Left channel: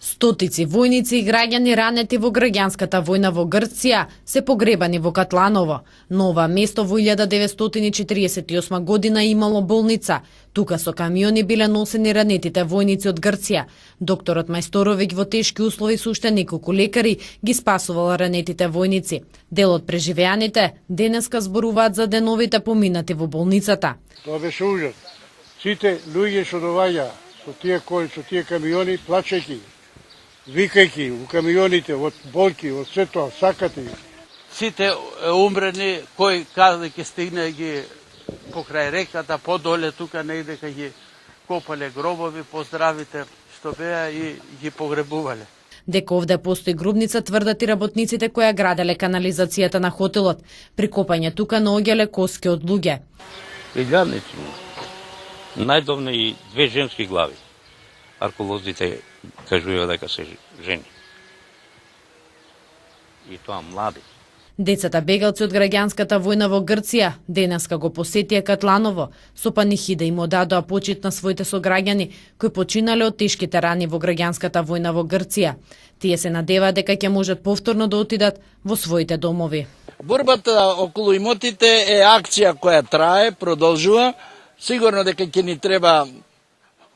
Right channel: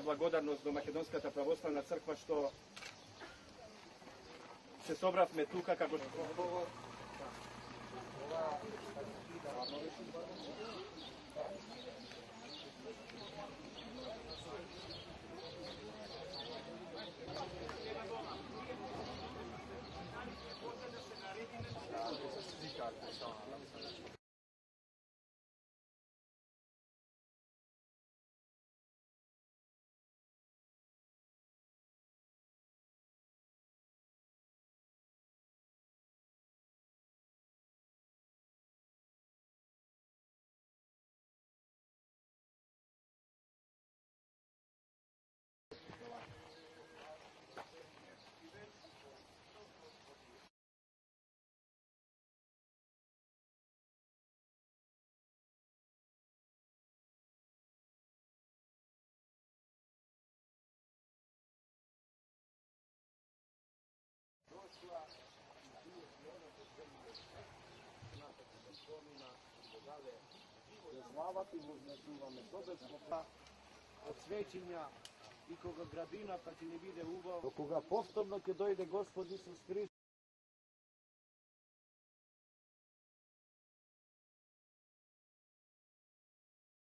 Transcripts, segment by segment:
Стотици војници и граѓани ранети во граѓанската војна во Грција се погребани во Катланово. На ова место во 1948 година имало болница. Тука со камиони биле носени ранетите војници од Грција. Докторот Мајсторовиќ во тешки услови со уште неколку лекари ги спасувал ранетите војници. Дел од преживеаните денеска зборуваат за деновите поминати во болницата. Тоа беше ужас. Сите луѓе што доаѓаа со тие камиони, плачејќи, викајќи у камионите, од болки, од се тоа, сакате. Сите умрени, кој каде ќе стигне ги покрај реката, подоле тука негде кај ги копале гробови, поздравите што беа и ги погребувале. Дека овде постои гробница тврдат и работниците кои ја граделе канализацијата на хотелот. При копање тука наоѓале коски од луѓе. Илјадници, најдовне и 2 женски глави. Арколозите кажуваат дека се жени. И тоа млади. Децата бегалци од граѓанската војна во Грција денеска го посетија Катланово. Со панихида им одадоа почит на своите сограѓани кои починале од тешките рани во граѓанската војна во Грција. Тие се надеваат дека ќе можат повторно да отидат во своите домови. Борбата околу имотите е акција која трае, продолжува. Сигурно дека ќе ни треба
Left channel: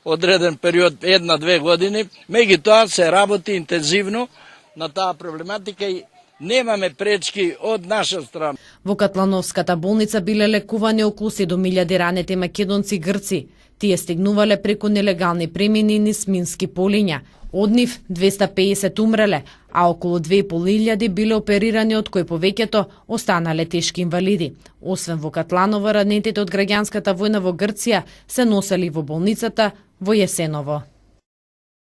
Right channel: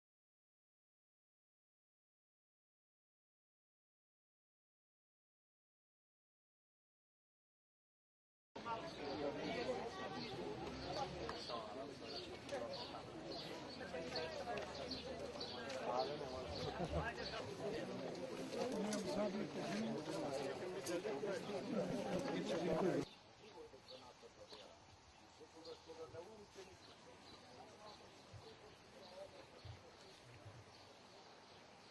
одреден период, 1-2 години. Меѓутоа се работи интензивно на таа проблематика и немаме пречки од наша страна. Во Катлановската болница биле лекувани околу 7.000 ранети македонци и грци. Тие стигнувале преку нелегални премини низ мински полиња. Од нив 250 умреле, а околу 2.500 биле оперирани, од кои повеќето останале тешки инвалиди. Освен во Катланово, ранетите од граѓанската војна во Грција се носели во болницата во Јесеново.